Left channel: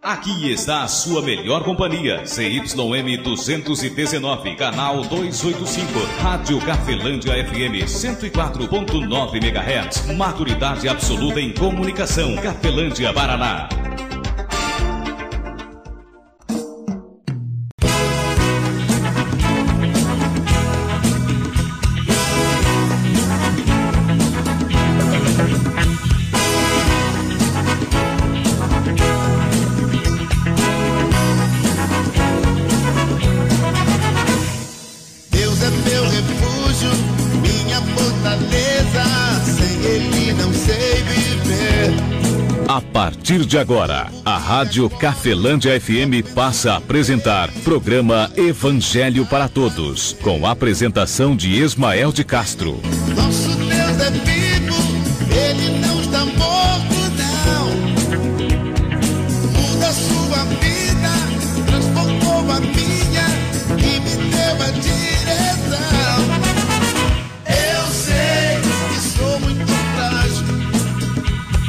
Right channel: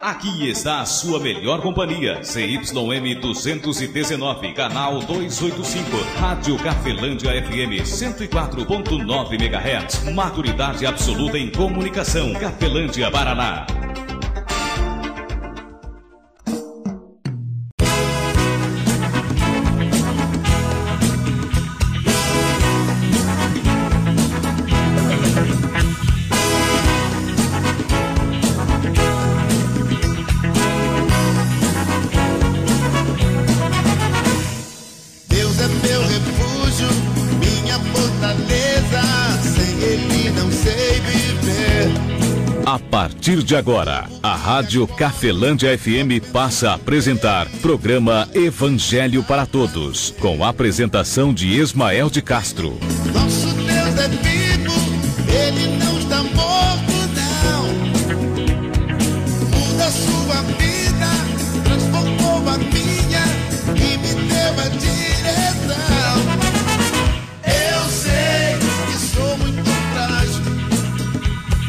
Aqui está a sua melhor companhia, CYM 219, canal 285, Rádio Cafelândia FM 104.9 MHz, maturidade absoluta em comunicação, Cafelândia, Paraná. A partir de agora, a Rádio Cafelândia FM passa a apresentar programa Evangelho para Todos, com a apresentação de Ismael de Castro. Nosso Deus é vivo, Ele não está morto, não. Muda sua vida, transformou a minha e me deu a direção. Eu sei que sou muito frágil.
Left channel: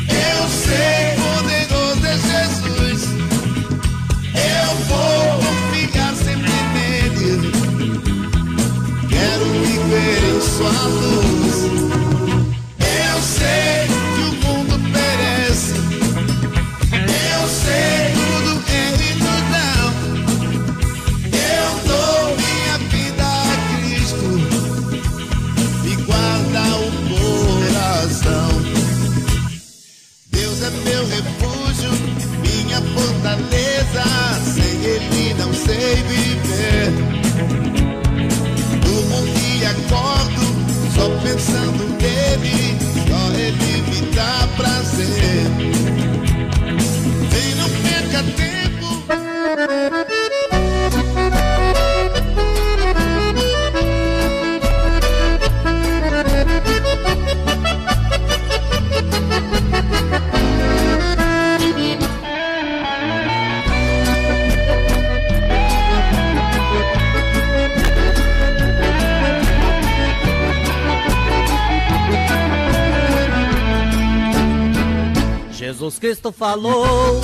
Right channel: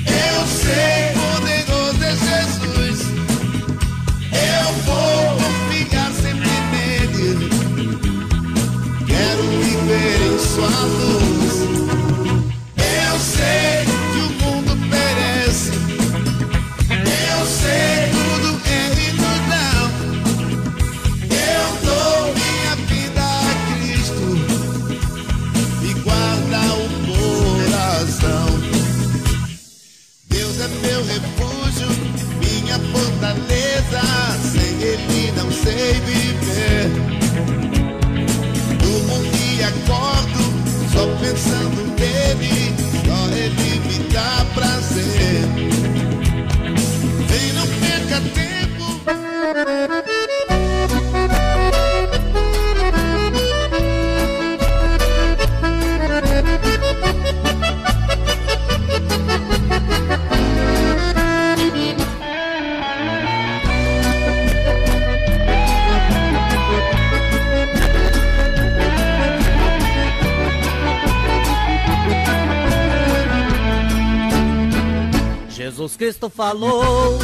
Eu sei, poderoso é Jesus. Eu vou confiar sempre nele. Quero viver em sua luz. Eu sei que o mundo perece. Eu sei tudo é e tudo não. Eu dou minha vida a Cristo. Me guarda o coração. Deus é meu refúgio, minha fortaleza, sem Ele não sei viver. Durmo e acordo, só pensando nele, só Ele me dá prazer. Vem, não perca tempo. Jesus Cristo falou,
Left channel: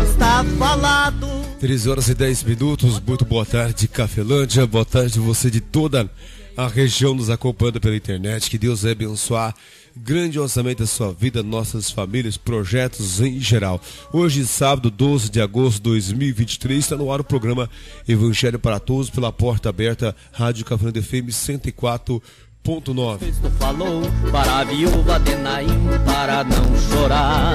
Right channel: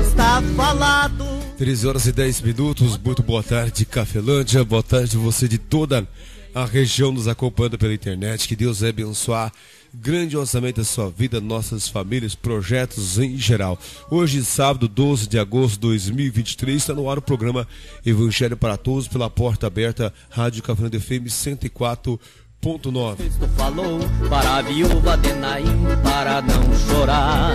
está falado. 13h10, muito boa tarde, Cafelândia, boa tarde você de toda a região nos acompanhando pela internet. Que Deus vai abençoar grandiosamente a sua vida, nossas famílias, projetos em geral. Hoje, sábado, 12 de agosto de 2023, está no ar o programa Evangelho para Todos, pela porta aberta, Rádio Cafelândia FM 104.9. Cristo falou para a viúva de Naim para não chorar.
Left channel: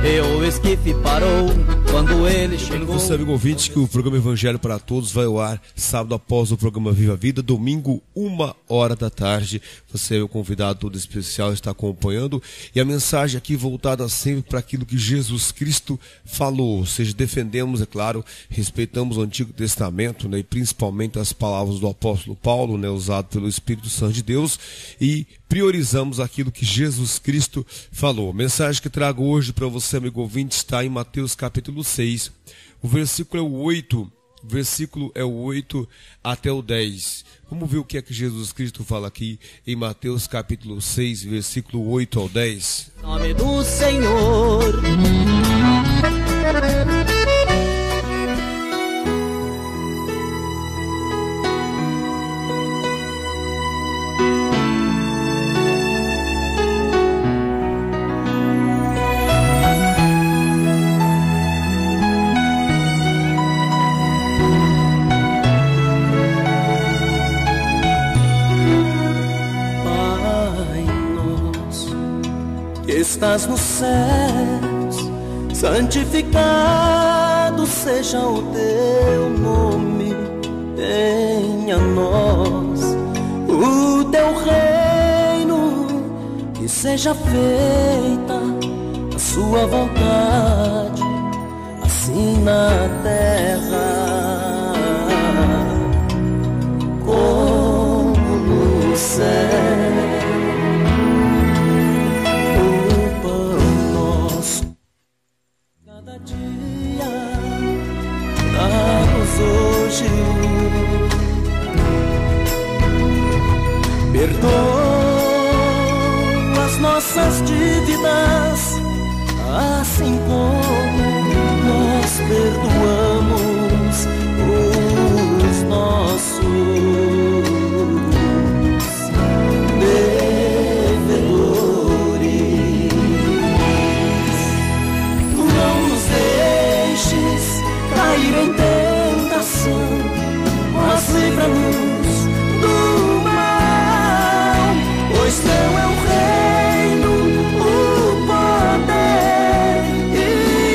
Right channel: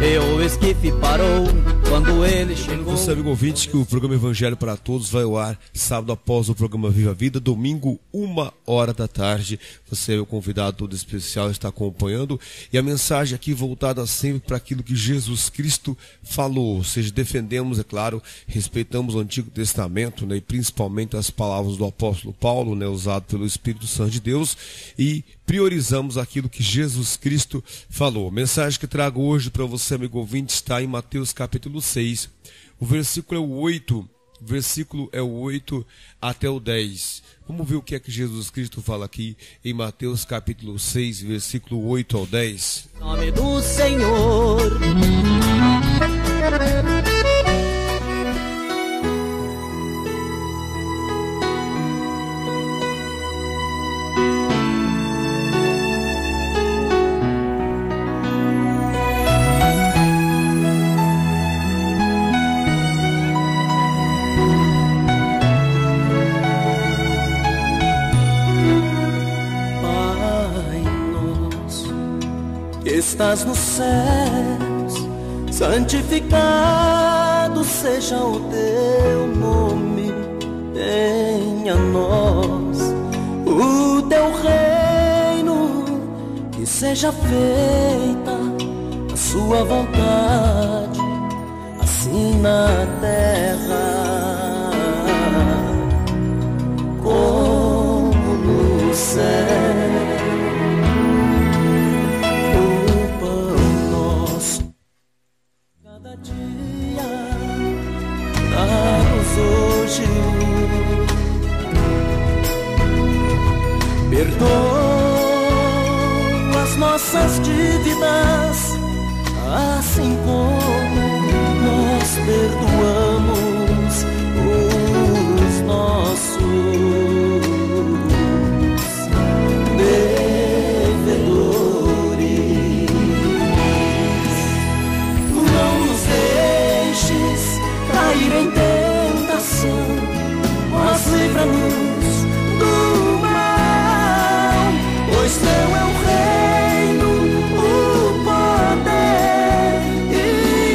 E o esquife parou quando ele chegou. Você, amigo ouvinte, que o programa Evangelho para Todos vai ao ar sábado após o programa Viva a Vida, domingo, 1h da tarde. Você é o convidado todo especial, está acompanhando. E a mensagem aqui voltada sempre para aquilo que Jesus Cristo falou. Ou seja, defendemos, é claro, respeitamos o Antigo Testamento, né, e principalmente as palavras do apóstolo Paulo, né, usado pelo Espírito Santo de Deus, e priorizamos aquilo que Jesus Cristo falou. A mensagem que trago hoje para você, amigo ouvinte, está em Mateus capítulo 6. O versículo é o 8 até o 10. Vamos ver o que é que Jesus Cristo fala aqui em Mateus capítulo 6, versículo 8 ao 10. Em nome do Senhor. Estás nos céus, santificado seja o teu nome. Venha a nós o teu reino, que seja feita a sua vontade, assim na terra como no céu. Hoje perdoa as nossas dívidas, assim como nós perdoamos os nossos devedores. Não nos deixes cair em tentação, mas livra-nos do mal, pois teu é o reino, o poder e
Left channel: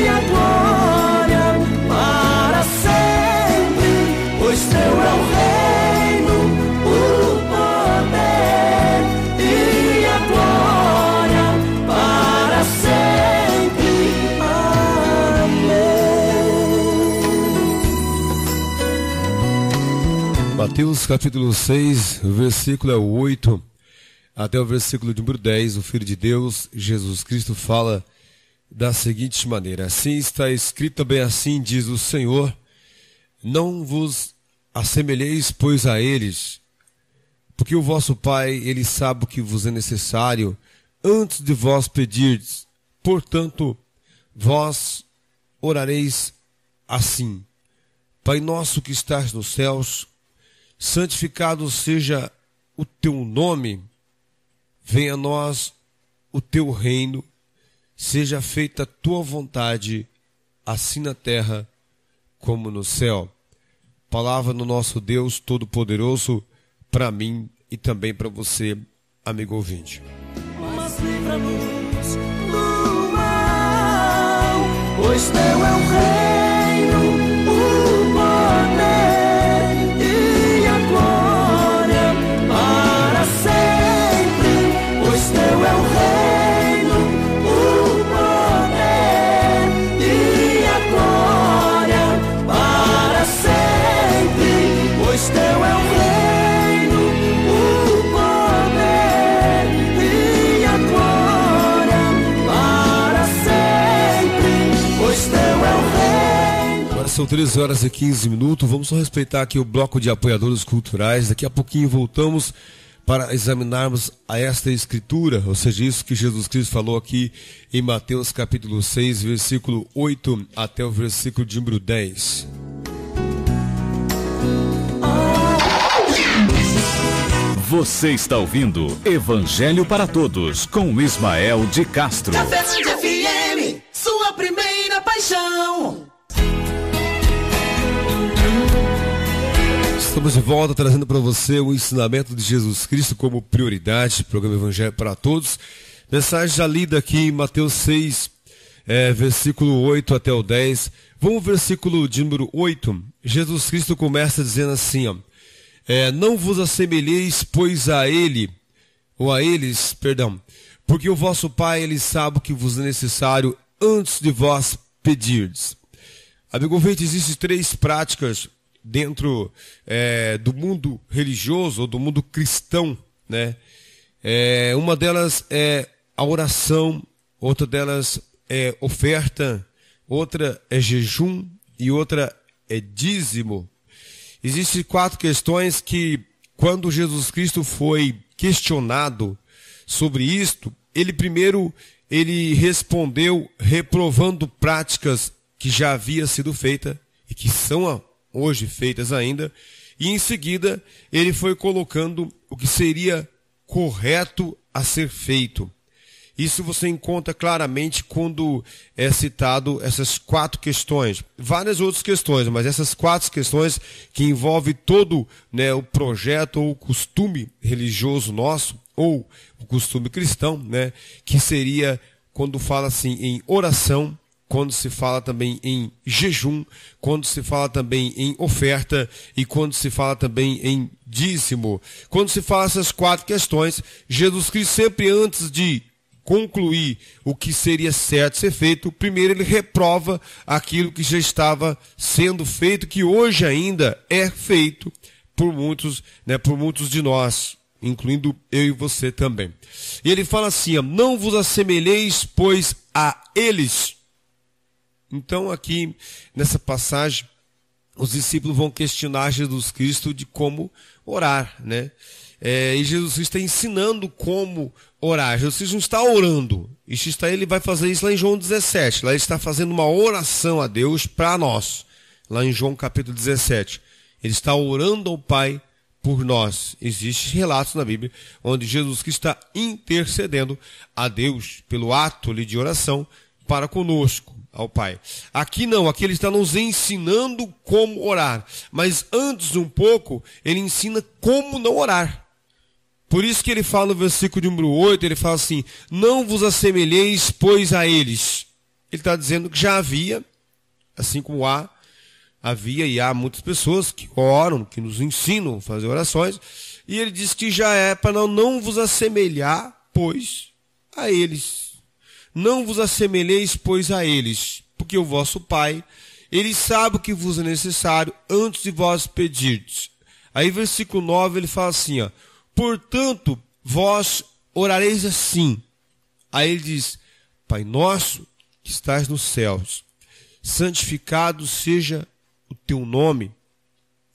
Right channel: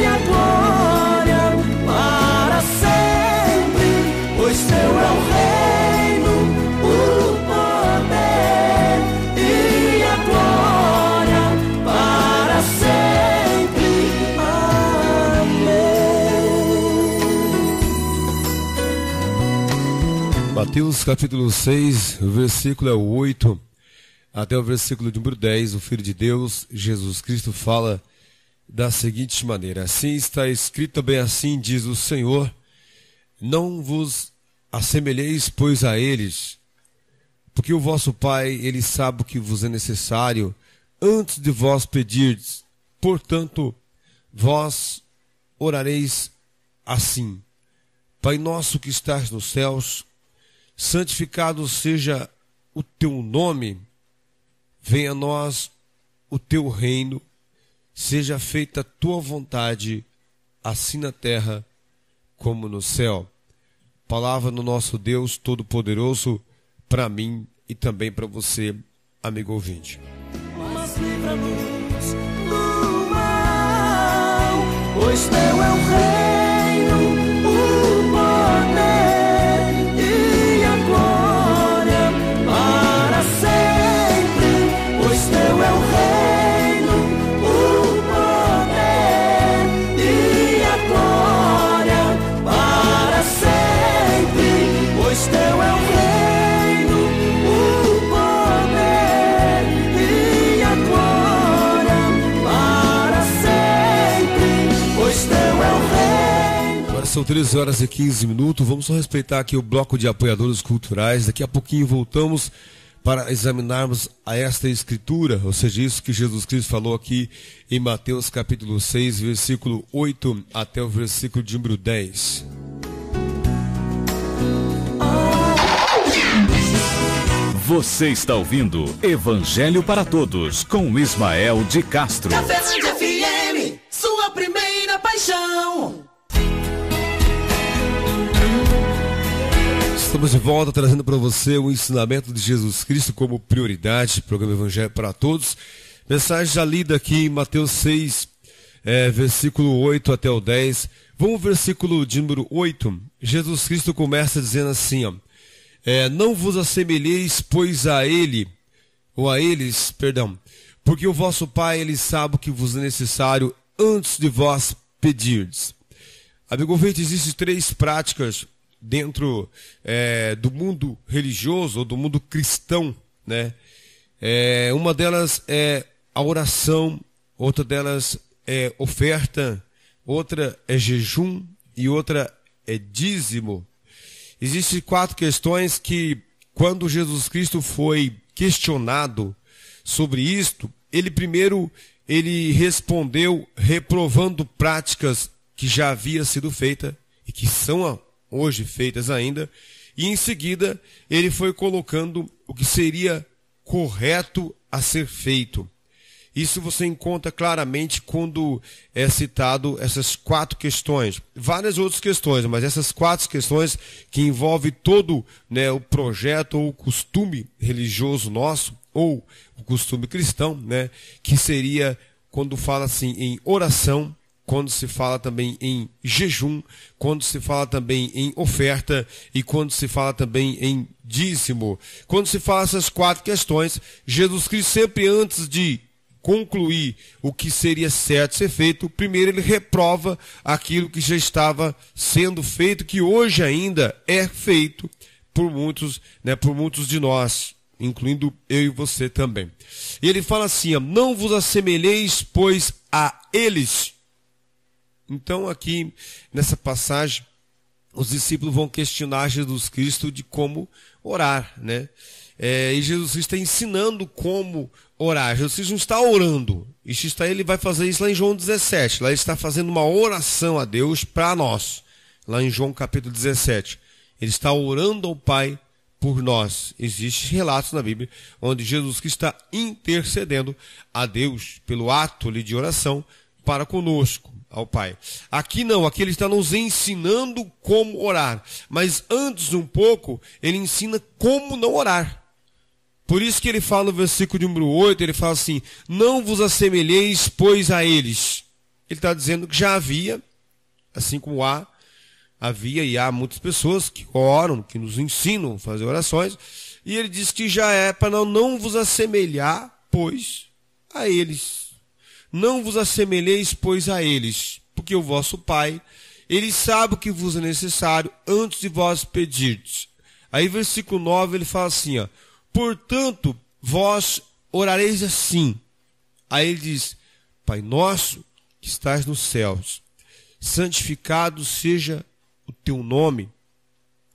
a glória para sempre. Pois teu é o reino, o poder e a glória para sempre. Amém. Mateus capítulo 6, o versículo é o 8 até o versículo número 10. O Filho de Deus, Jesus Cristo, fala da seguinte maneira: assim está escrito, bem assim diz o Senhor, não vos assemelheis, pois, a eles, porque o vosso Pai, ele sabe o que vos é necessário antes de vós pedirdes. Portanto, vós orareis assim: Pai nosso que estás nos céus, santificado seja o teu nome, venha a nós o teu reino, seja feita a tua vontade, assim na terra como no céu. Palavra do nosso Deus Todo-Poderoso para mim e também para você, amigo ouvinte. Mas livra-nos do mal, pois teu é o reino, o poder e a glória para sempre. Pois teu é o reino, o poder e a glória para sempre. Pois teu é o reino, o poder e a glória para sempre. Pois teu é o reino. Agora são 13 horas e 15 minutos. Vamos só respeitar aqui o bloco de apoiadores culturais. Daqui a pouquinho voltamos para examinarmos a esta escritura, ou seja, isso que Jesus Cristo falou aqui em Mateus capítulo 6, versículo 8 até o versículo de número 10. Você está ouvindo Evangelho para Todos com Ismael de Castro. Cafelândia FM, sua primeira paixão. Estamos de volta trazendo para você o ensinamento de Jesus Cristo como prioridade, programa Evangelho para Todos. Mensagem já lida aqui em Mateus 6, versículo 8 até o 10. Vamos ao versículo de número 8. Jesus Cristo começa dizendo assim, ó, não vos assemelheis, pois a ele, ou a eles, perdão, porque o vosso Pai, ele sabe o que vos é necessário antes de vós pedirdes. Amigo ouvinte, existem 3 práticas dentro do mundo religioso ou do mundo cristão, né? Uma delas é a oração, outra delas é oferta, outra é jejum e outra é dízimo. Existem 4 questões que, quando Jesus Cristo foi questionado sobre isto, ele respondeu reprovando práticas que já haviam sido feitas e que são hoje feitas ainda, e em seguida ele foi colocando o que seria correto a ser feito. Isso você encontra claramente quando é citado essas 4 questões. Várias outras questões, mas essas 4 questões que envolvem todo, né, o projeto ou o costume religioso nosso, ou o costume cristão, né, que seria quando fala assim em oração, quando se fala também em jejum, quando se fala também em oferta e quando se fala também em dízimo. Quando se fala essas 4 questões, Jesus Cristo sempre antes de concluir o que seria certo ser feito, primeiro ele reprova aquilo que já estava sendo feito, que hoje ainda é feito por muitos, né, por muitos de nós, incluindo eu e você também. E ele fala assim, ó, não vos assemelheis, pois, a eles. Então aqui, nessa passagem, os discípulos vão questionar Jesus Cristo de como orar, né? E Jesus Cristo está ensinando como orar. Jesus Cristo não está orando. Ele vai fazer isso lá em João 17. Lá ele está fazendo uma oração a Deus para nós. Lá em João capítulo 17. Ele está orando ao Pai por nós. Existem relatos na Bíblia onde Jesus Cristo está intercedendo a Deus pelo ato de oração para conosco, ao Pai. Aqui não, aqui ele está nos ensinando como orar. Mas antes um pouco, ele ensina como não orar. Por isso que ele fala no versículo de número 8, ele fala assim, não vos assemelheis, pois, a eles. Ele está dizendo que já havia, assim como havia e há muitas pessoas que oram, que nos ensinam a fazer orações, e ele diz que já é para não vos assemelhar, pois, a eles. Não vos assemelheis, pois, a eles, porque o vosso Pai, ele sabe o que vos é necessário antes de vós pedirdes. Aí, versículo 9, ele fala assim, ó, portanto, vós orareis assim. Aí ele diz, Pai nosso que estás nos céus, santificado seja o teu nome.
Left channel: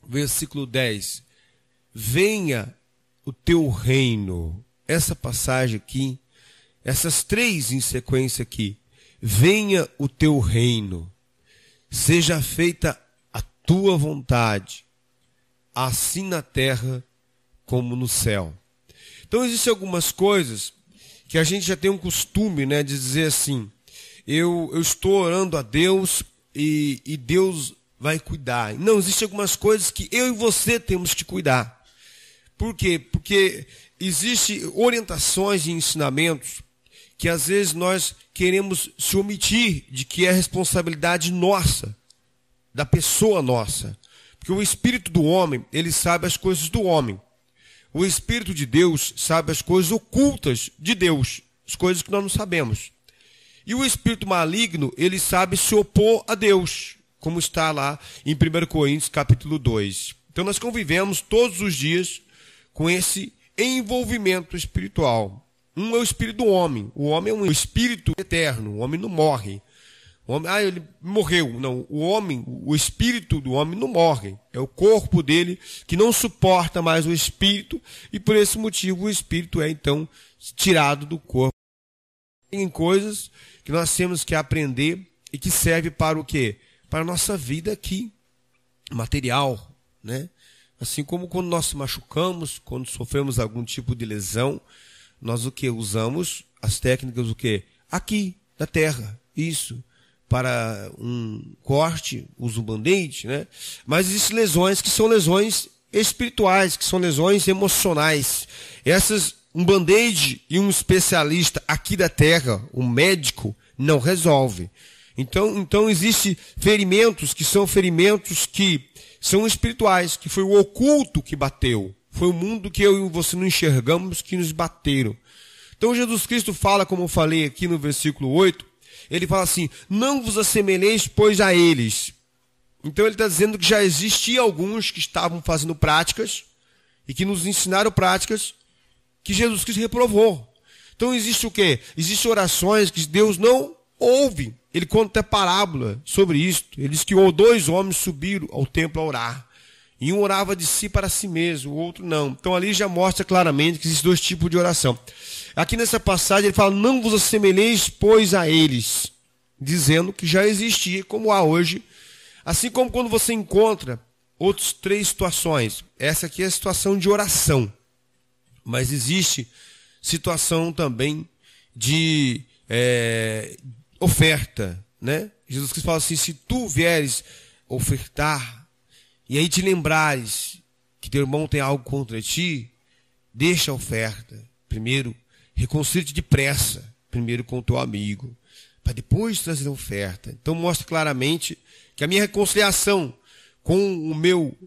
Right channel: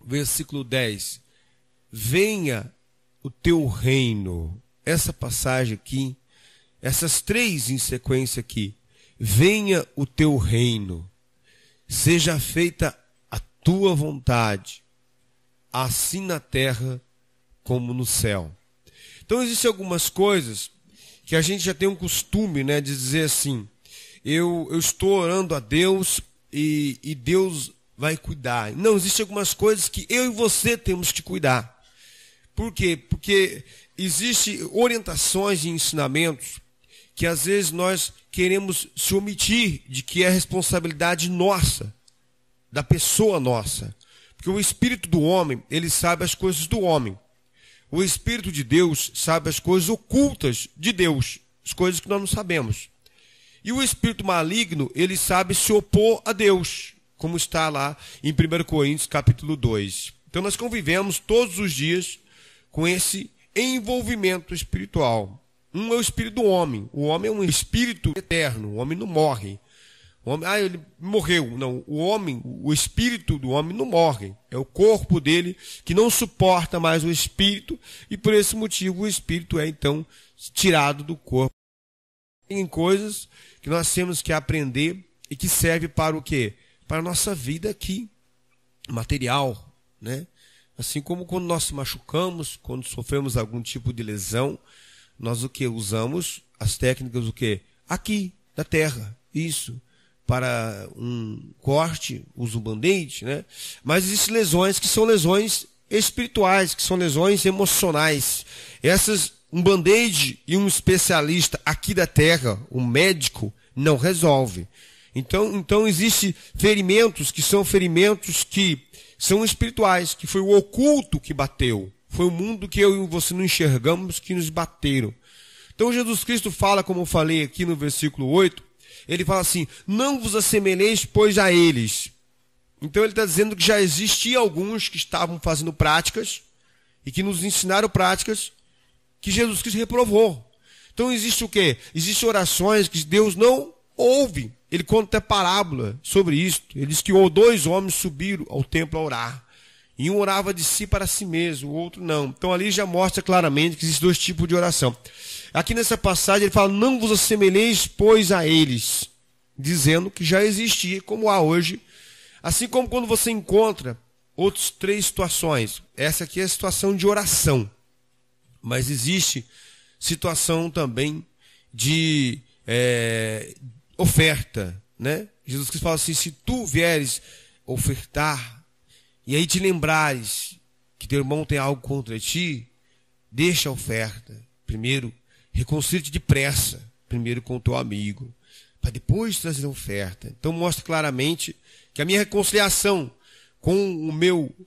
Versículo 10, venha o teu reino. Essa passagem aqui, essas três em sequência aqui, venha o teu reino, seja feita a tua vontade, assim na terra como no céu. Então existem algumas coisas que a gente já tem um costume, né, de dizer assim, eu estou orando a Deus e Deus vai cuidar. Não, existem algumas coisas que eu e você temos que cuidar. Por quê? Porque existem orientações e ensinamentos que às vezes nós queremos se omitir de que é responsabilidade nossa, da pessoa nossa. Porque o Espírito do homem, ele sabe as coisas do homem. O Espírito de Deus sabe as coisas ocultas de Deus, as coisas que nós não sabemos. E o Espírito maligno, ele sabe se opor a Deus, como está lá em 1 Coríntios capítulo 2. Então nós convivemos todos os dias com esse envolvimento espiritual. Um é o espírito do homem. O homem é um espírito eterno, o homem não morre. O homem, ele morreu. Não, o homem, o espírito do homem não morre. É o corpo dele que não suporta mais o espírito e por esse motivo o espírito é então tirado do corpo. Tem coisas que nós temos que aprender e que serve para o quê? Para a nossa vida aqui, material, né? Assim como quando nós se machucamos, quando sofremos algum tipo de lesão, nós o que? Usamos as técnicas o quê? Aqui, da terra, isso. Para um corte, usa um band-aid, né? Mas existem lesões que são lesões espirituais, que são lesões emocionais. Essas, um band-aid e um especialista aqui da terra, um médico, não resolve. Então existem ferimentos que são espirituais, que foi o oculto que bateu. Foi o mundo que eu e você não enxergamos que nos bateram. Então Jesus Cristo fala, como eu falei aqui no versículo 8, ele fala assim, não vos assemelheis, pois, a eles. Então ele está dizendo que já existiam alguns que estavam fazendo práticas e que nos ensinaram práticas que Jesus Cristo reprovou. Então existe o quê? Existem orações que Deus não ouve. Ele conta até parábola sobre isso. Ele diz que 2 homens subiram ao templo a orar. E um orava de si para si mesmo, o outro não. Então ali já mostra claramente que existem 2 tipos de oração. Aqui nessa passagem ele fala, não vos assemelheis, pois, a eles. Dizendo que já existia, como há hoje. Assim como quando você encontra outras 3 situações. Essa aqui é a situação de oração. Mas existe situação também de oferta, né? Jesus Cristo fala assim, se tu vieres ofertar, e aí te lembrares que teu irmão tem algo contra ti, deixa a oferta. Primeiro, reconcilia-te depressa, primeiro com o teu amigo, para depois trazer a oferta. Então mostra claramente que a minha reconciliação com o meu,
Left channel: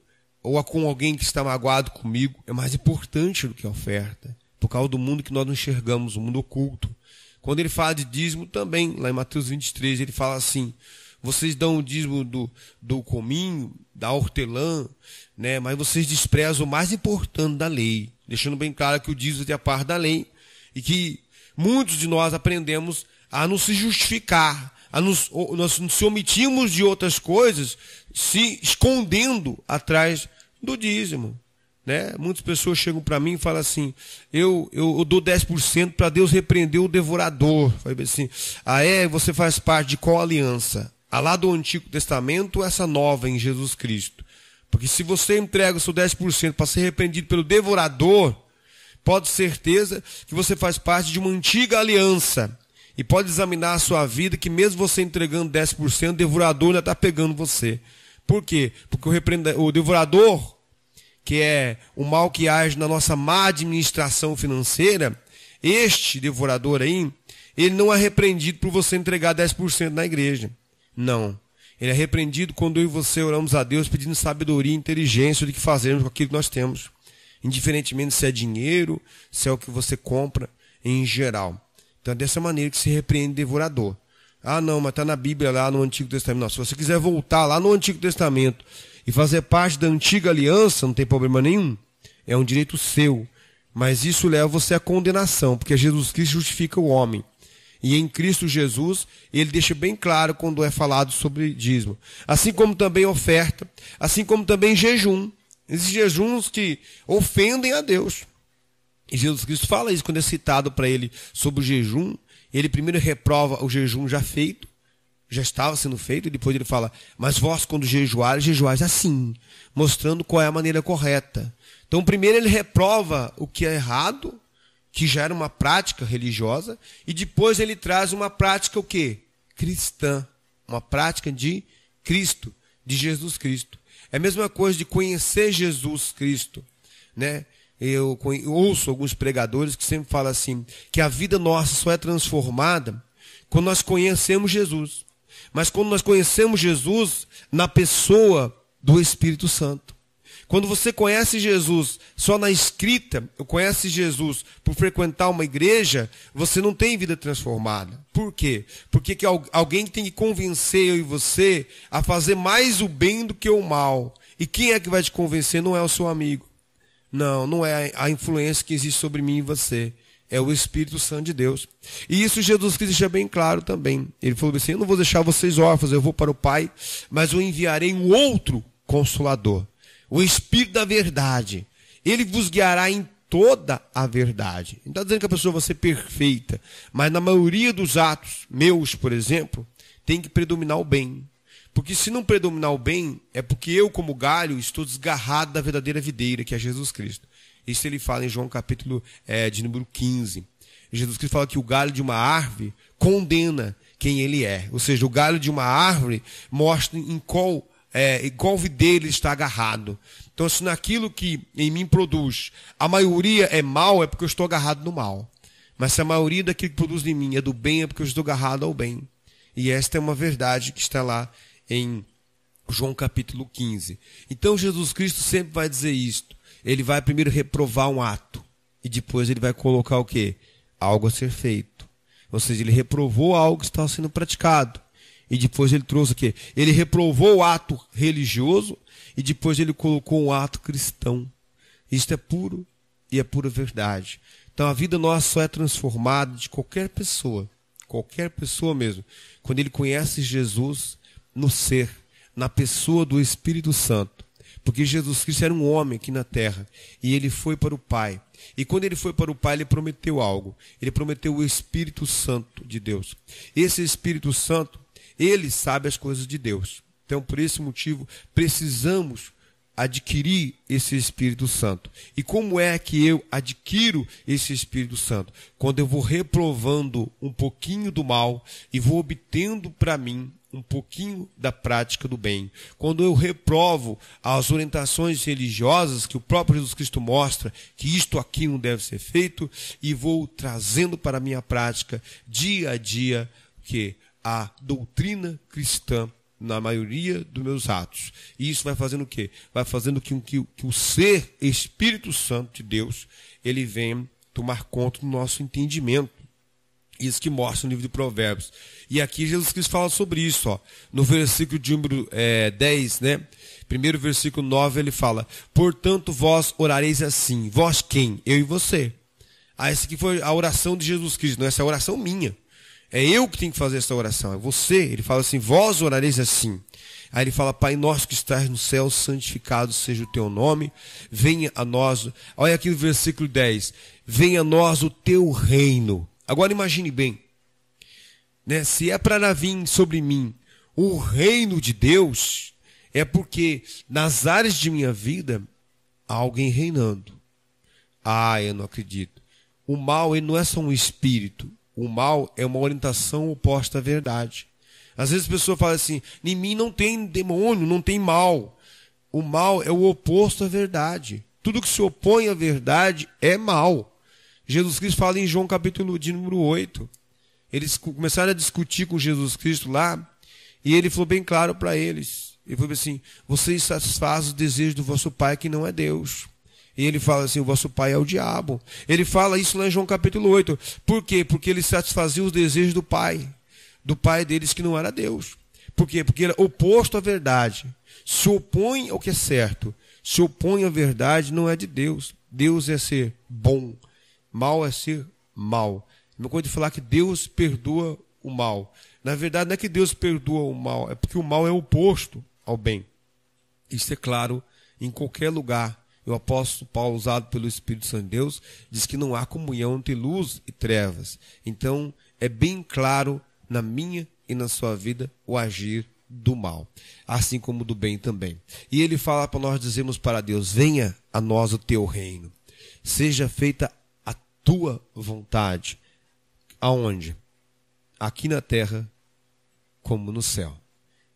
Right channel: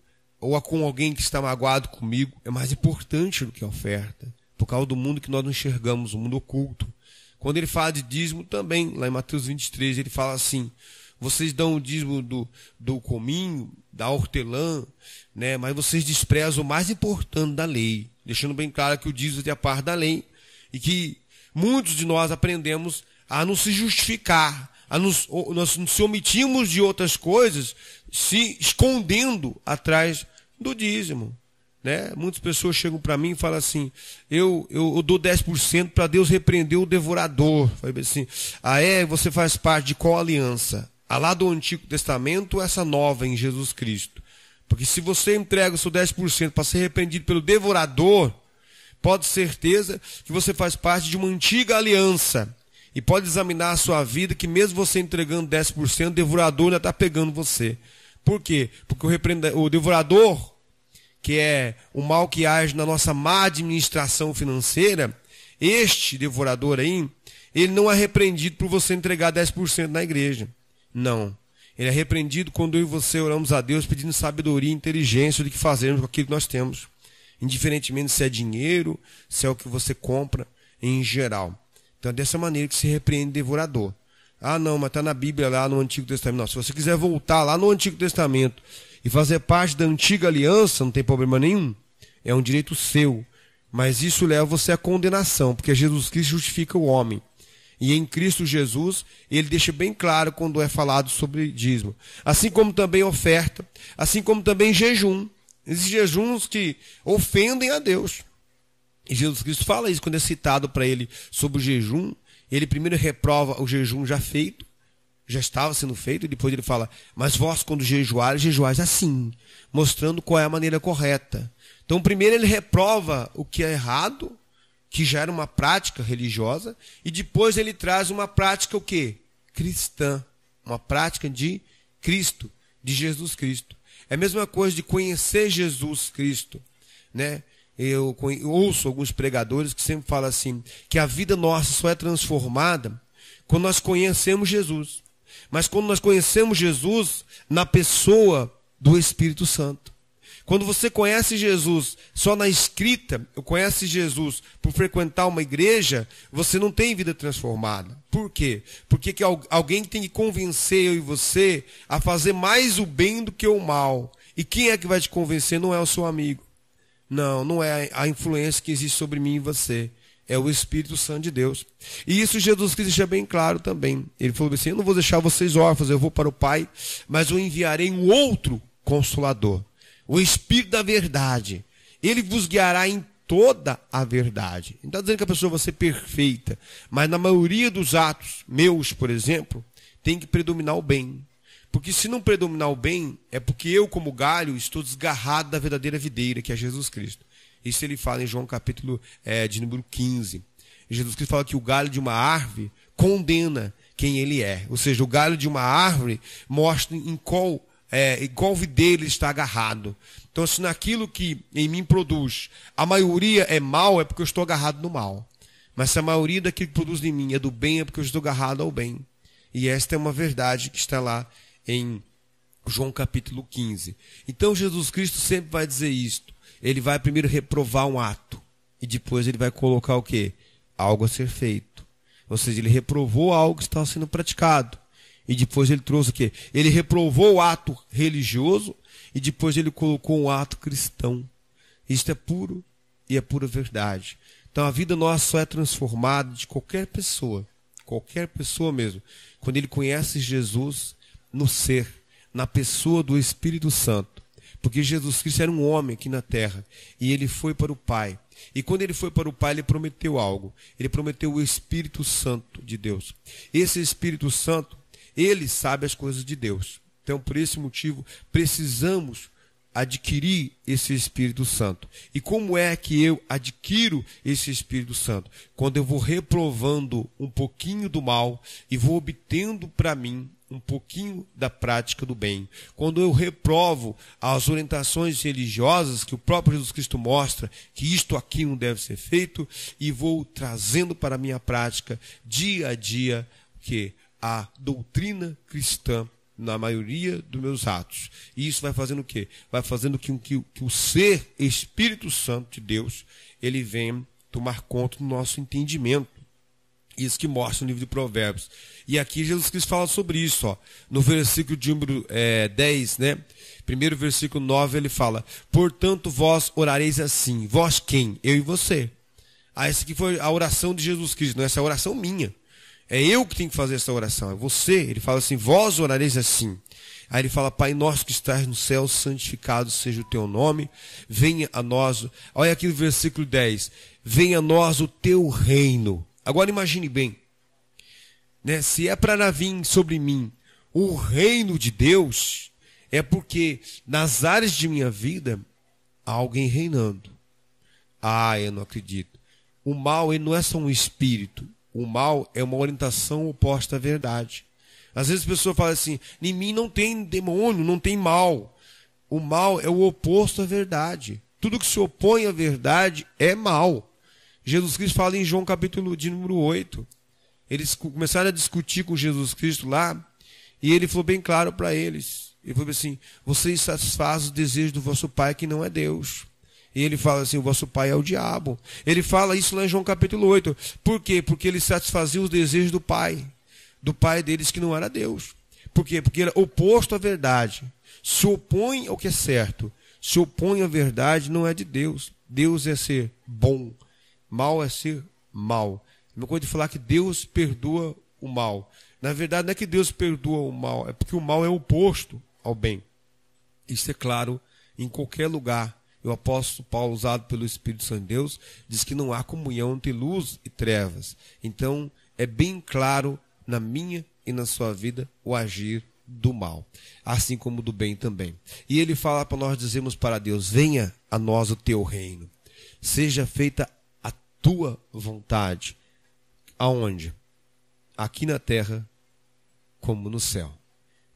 ou com alguém que está magoado comigo, é mais importante do que a oferta, por causa do mundo que nós não enxergamos, o mundo oculto. Quando ele fala de dízimo também, lá em Mateus 23, ele fala assim, vocês dão o dízimo do cominho, da hortelã, né? Mas vocês desprezam o mais importante da lei, deixando bem claro que o dízimo é a parte da lei, e que muitos de nós aprendemos a não se justificar, nós nos omitimos de outras coisas, se escondendo atrás do dízimo. né? Muitas pessoas chegam para mim e falam assim, eu dou 10% para Deus repreender o devorador. Fala assim, você faz parte de qual aliança? A lá do Antigo Testamento ou essa nova em Jesus Cristo? Porque se você entrega o seu 10% para ser repreendido pelo devorador, pode ter certeza que você faz parte de uma antiga aliança. E pode examinar a sua vida, que mesmo você entregando 10%, o devorador já está pegando você. Por quê? Porque o devorador, que é o mal que age na nossa má administração financeira, este devorador aí, ele não é repreendido por você entregar 10% na igreja. Não. Ele é repreendido quando eu e você oramos a Deus pedindo sabedoria e inteligência do que fazermos com aquilo que nós temos. Indiferentemente se é dinheiro, se é o que você compra, em geral. Então é dessa maneira que se repreende o devorador. Ah, não, mas está na Bíblia lá no Antigo Testamento. Não, se você quiser voltar lá no Antigo Testamento e fazer parte da antiga aliança, não tem problema nenhum. É um direito seu. Mas isso leva você à condenação, porque Jesus Cristo justifica o homem. E em Cristo Jesus, ele deixa bem claro quando é falado sobre dízimo. Assim como também oferta, assim como também jejum. Existem jejuns que ofendem a Deus. E Jesus Cristo fala isso quando é citado para ele sobre o jejum. Ele primeiro reprova o jejum já feito, já estava sendo feito, e depois ele fala, mas vós quando jejuais assim, mostrando qual é a maneira correta. Então primeiro ele reprova o que é errado, que já era uma prática religiosa, e depois ele traz uma prática o quê? Cristã, uma prática de Cristo, de Jesus Cristo. É a mesma coisa de conhecer Jesus Cristo, né? Eu ouço alguns pregadores que sempre falam assim, que a vida nossa só é transformada quando nós conhecemos Jesus. Mas quando nós conhecemos Jesus na pessoa do Espírito Santo. Quando você conhece Jesus só na escrita, ou conhece Jesus por frequentar uma igreja, você não tem vida transformada. Por quê? Porque alguém tem que convencer eu e você a fazer mais o bem do que o mal. E quem é que vai te convencer? Não é o seu amigo. Não é a influência que existe sobre mim e você. É o Espírito Santo de Deus. E isso Jesus Cristo deixa bem claro também. Ele falou assim, eu não vou deixar vocês órfãos, eu vou para o Pai, mas eu enviarei um outro Consolador. O Espírito da verdade. Ele vos guiará em toda a verdade. Não está dizendo que a pessoa vai ser perfeita, mas na maioria dos atos meus, por exemplo, tem que predominar o bem. Porque se não predominar o bem, é porque eu, como galho, estou desgarrado da verdadeira videira, que é Jesus Cristo. Isso ele fala em João capítulo de número 15. Jesus Cristo fala que o galho de uma árvore condena quem ele é. Ou seja, o galho de uma árvore mostra em qual videira ele está agarrado. Então, se naquilo que em mim produz, a maioria é mal, é porque eu estou agarrado no mal. Mas se a maioria daquilo que produz em mim é do bem, é porque eu estou agarrado ao bem. E esta é uma verdade que está lá em João capítulo 15. Então Jesus Cristo sempre vai dizer isto. Ele vai primeiro reprovar um ato. E depois ele vai colocar o quê? Algo a ser feito. Ou seja, ele reprovou algo que estava sendo praticado. E depois ele trouxe o quê? Ele reprovou o ato religioso. E depois ele colocou um ato cristão. Isto é puro e é pura verdade. Então a vida nossa só é transformada de qualquer pessoa mesmo, quando ele conhece Jesus no ser, na pessoa do Espírito Santo. Porque Jesus Cristo era um homem aqui na terra, e ele foi para o Pai. E quando ele foi para o Pai, ele prometeu algo. Ele prometeu o Espírito Santo de Deus. Esse Espírito Santo, ele sabe as coisas de Deus. Então, por esse motivo, precisamos adquirir esse Espírito Santo. E como é que eu adquiro esse Espírito Santo? Quando eu vou reprovando um pouquinho do mal e vou obtendo para mim um pouquinho da prática do bem. Quando eu reprovo as orientações religiosas que o próprio Jesus Cristo mostra que isto aqui não deve ser feito, e vou trazendo para a minha prática dia a dia que a doutrina cristã na maioria dos meus atos. E isso vai fazendo o quê? Vai fazendo que o ser Espírito Santo de Deus, ele venha tomar conta do nosso entendimento. Isso que mostra no livro de Provérbios. E aqui Jesus Cristo fala sobre isso, ó, no versículo de número 10, né? Primeiro versículo 9, ele fala: portanto vós orareis assim. Vós quem? Eu e você. Essa aqui foi a oração de Jesus Cristo, não, essa é a oração minha. É eu que tenho que fazer essa oração, é você. Ele fala assim: vós orareis assim. Aí ele fala: Pai nosso que estás no céu, santificado seja o teu nome, venha a nós, olha aqui o versículo 10, venha a nós o teu reino. Agora imagine bem, né? Se é para vir sobre mim o reino de Deus, é porque nas áreas de minha vida há alguém reinando. Eu não acredito. O mal, ele não é só um espírito. O mal é uma orientação oposta à verdade. Às vezes a pessoa fala assim: em mim não tem demônio, não tem mal. O mal é o oposto à verdade. Tudo que se opõe à verdade é mal. Jesus Cristo fala em João capítulo de número 8. Eles começaram a discutir com Jesus Cristo lá, e ele falou bem claro para eles. Ele falou assim: vocês satisfazem os desejos do vosso pai, que não é Deus. E ele fala assim: o vosso pai é o diabo. Ele fala isso lá em João capítulo 8. Por quê? Porque ele satisfazia os desejos do pai deles, que não era Deus. Por quê? Porque era oposto à verdade. Se opõe ao que é certo. Se opõe à verdade, não é de Deus. Deus é ser bom. Mal é ser mal. Não pode falar que Deus perdoa o mal. Na verdade, não é que Deus perdoa o mal, é porque o mal é oposto ao bem. Isso é claro em qualquer lugar. O apóstolo Paulo, usado pelo Espírito Santo de Deus, diz que não há comunhão entre luz e trevas. Então, é bem claro na minha e na sua vida o agir do mal, assim como do bem também. E ele fala para nós dizermos para Deus: venha a nós o teu reino, seja feita a tua vontade. Aonde? Aqui na terra como no céu.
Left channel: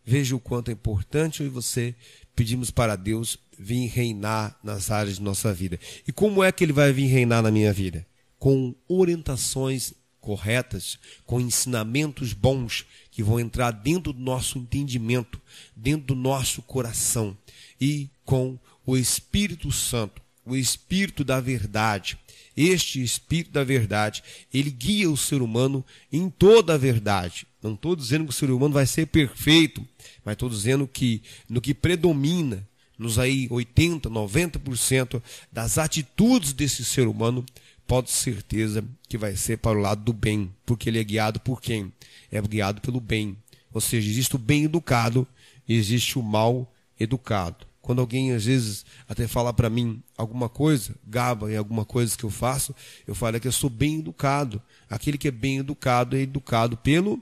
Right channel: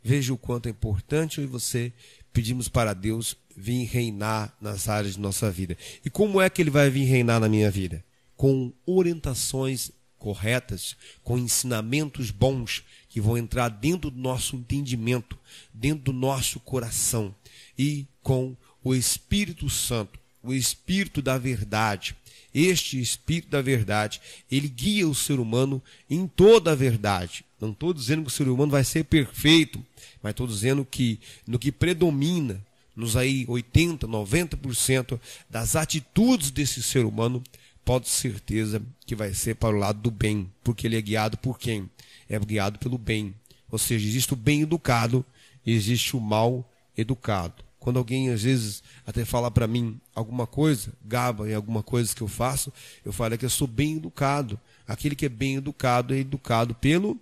Veja o quanto é importante eu e você pedimos para Deus vir reinar nas áreas de nossa vida. E como é que ele vai vir reinar na minha vida? Com orientações corretas, com ensinamentos bons que vão entrar dentro do nosso entendimento, dentro do nosso coração, e com o Espírito Santo, o Espírito da verdade. Este Espírito da verdade, ele guia o ser humano em toda a verdade. Não estou dizendo que o ser humano vai ser perfeito, mas estou dizendo que no que predomina, nos aí 80%, 90% das atitudes desse ser humano, pode ter certeza que vai ser para o lado do bem, porque ele é guiado por quem? É guiado pelo bem. Ou seja, existe o bem educado e existe o mal educado. Quando alguém, às vezes, até fala para mim alguma coisa, gaba em alguma coisa que eu faço, eu falo que eu sou bem educado. Aquele que é bem educado é educado pelo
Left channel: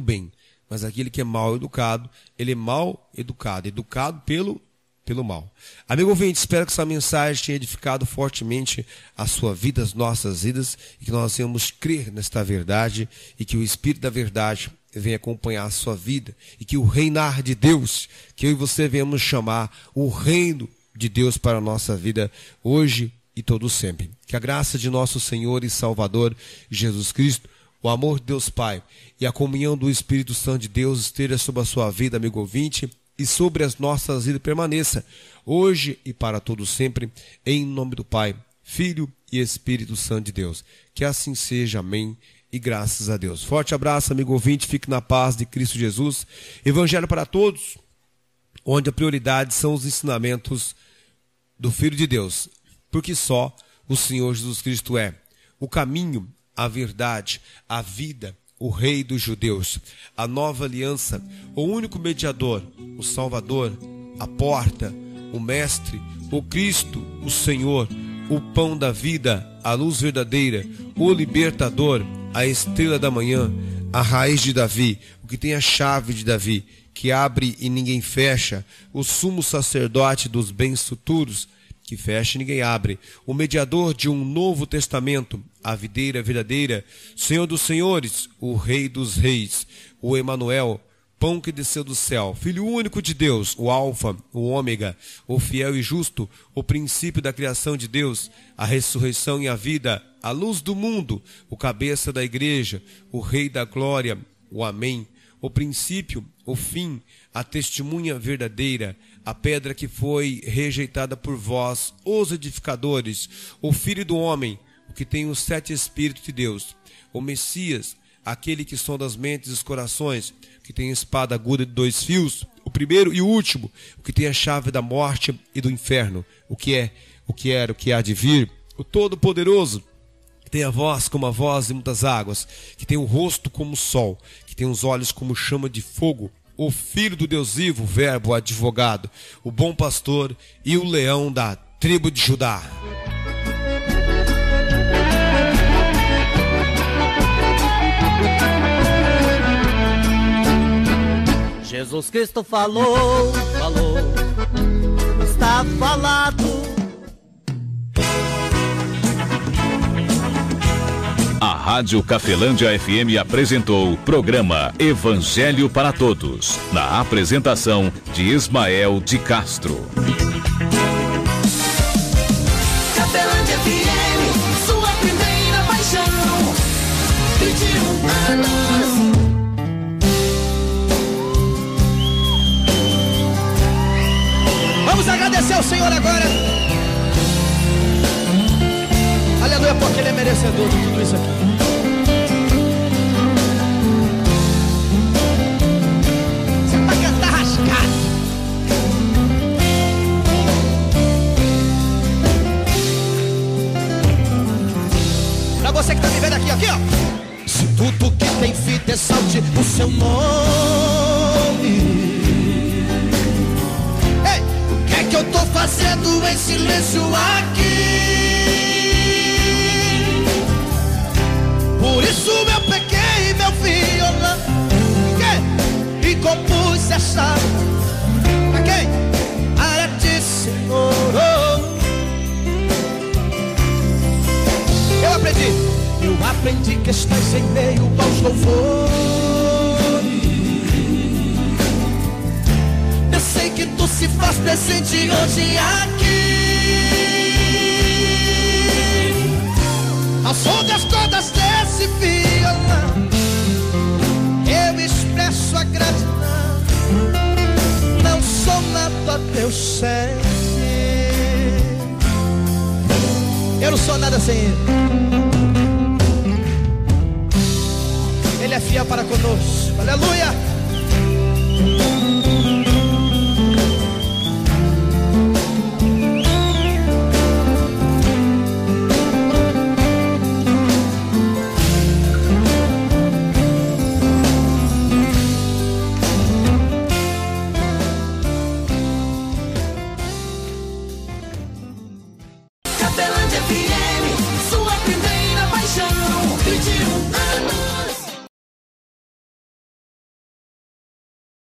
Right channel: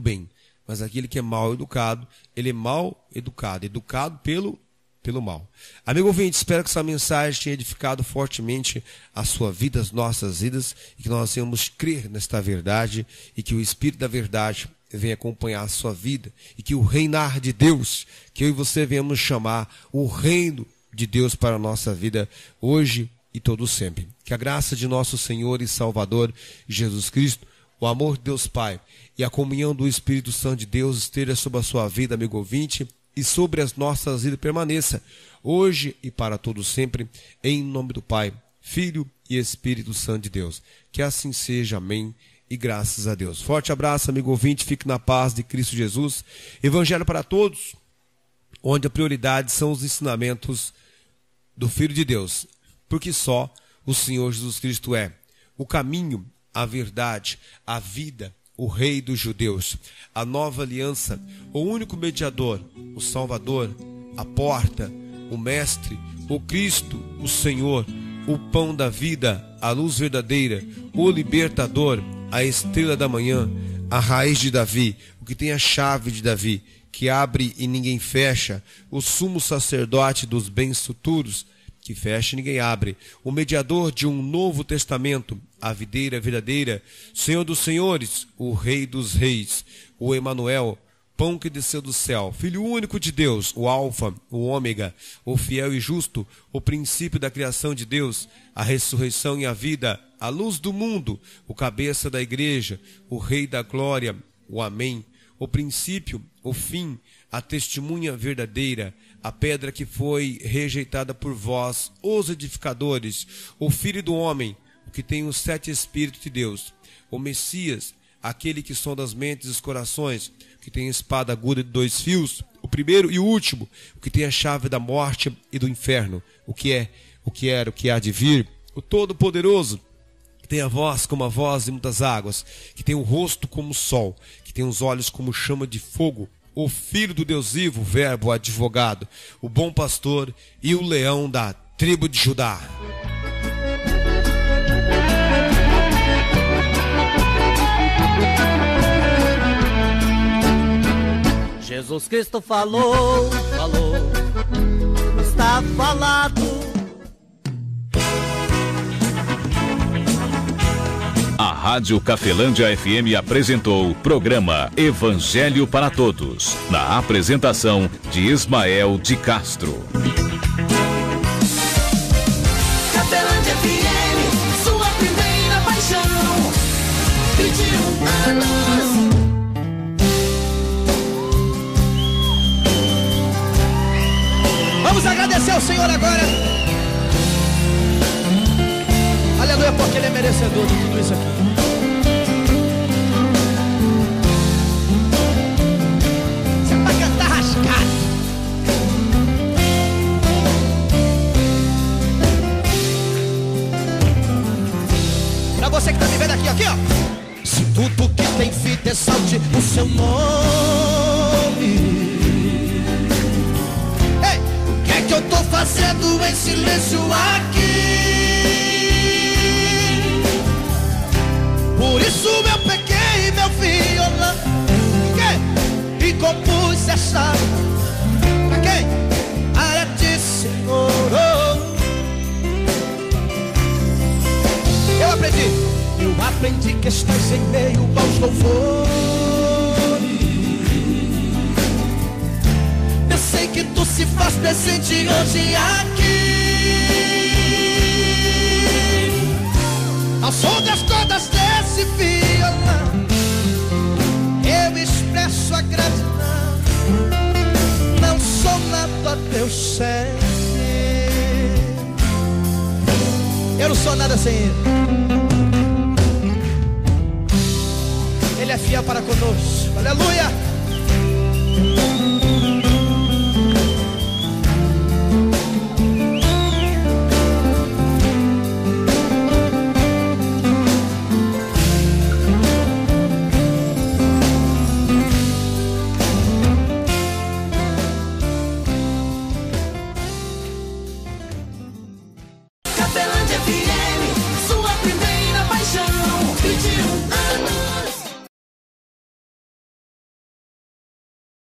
bem. Mas aquele que é mal educado, ele é mal educado, educado pelo mal. Amigo ouvinte, espero que essa mensagem tenha edificado fortemente a sua vida, as nossas vidas, e que nós venhamos crer nesta verdade, e que o Espírito da verdade venha acompanhar a sua vida, e que o reinar de Deus, que eu e você venhamos chamar o reino de Deus para a nossa vida, hoje e todo sempre. Que a graça de nosso Senhor e Salvador Jesus Cristo, o amor de Deus Pai e a comunhão do Espírito Santo de Deus esteja sobre a sua vida, amigo ouvinte, e sobre as nossas vidas permaneça, hoje e para todo sempre, em nome do Pai, Filho e Espírito Santo de Deus. Que assim seja, amém, e graças a Deus. Forte abraço, amigo ouvinte, fique na paz de Cristo Jesus. Evangelho para todos, onde a prioridade são os ensinamentos do Filho de Deus, porque só o Senhor Jesus Cristo é o caminho, a verdade, a vida, o Rei dos Judeus, a nova aliança, o único mediador, o Salvador, a porta, o Mestre, o Cristo, o Senhor, o pão da vida, a luz verdadeira, o libertador, a estrela da manhã, a raiz de Davi, o que tem a chave de Davi, que abre e ninguém fecha, o sumo sacerdote dos bens futuros, que fecha e ninguém abre, o mediador de um novo testamento, a videira verdadeira, Senhor dos senhores, o Rei dos reis, o Emanuel, pão que desceu do céu, Filho único de Deus, o Alfa, o Ômega, o fiel e justo, o princípio da criação de Deus, a ressurreição e a vida, a luz do mundo, o cabeça da igreja, o Rei da glória, o Amém, o princípio, o fim, a testemunha verdadeira, a pedra que foi rejeitada por vós, os edificadores, o Filho do homem, o que tem os 7 Espíritos de Deus, o Messias, aquele que sonda as mentes e os corações, que tem espada aguda de 2 fios, o primeiro e o último, o que tem a chave da morte e do inferno, o que é, o que era, o que há de vir, o Todo-Poderoso, que tem a voz como a voz de muitas águas, que tem o rosto como o sol, que tem os olhos como chama de fogo, o Filho do Deus vivo, o Verbo, o advogado, o bom pastor e o leão da tribo de Judá. Jesus Cristo falou, está falado. A Rádio Cafelândia FM apresentou o programa Evangelho para Todos, na apresentação de Ismael de Castro. Cafelândia FM, sua primeira paixão, 21 anos. Vamos agradecer ao Senhor agora. Aleluia, porque Ele é merecedor de tudo isso aqui. Você vai cantar rascado. Pra você que tá me vendo aqui, ó. Se tudo que tem vida exalte o seu nome. Ei, o que é que eu tô fazendo em silêncio aqui? Por isso eu peguei meu violão e compus essa a ti, Senhor. Eu aprendi questões em meio aos louvores. Eu sei que tu se faz presente hoje aqui. As ondas todas desse violão, eu expresso a gratidão. Não sou nada teu sem. Eu não sou nada sem Ele. Ele é fiel para conosco. Aleluia.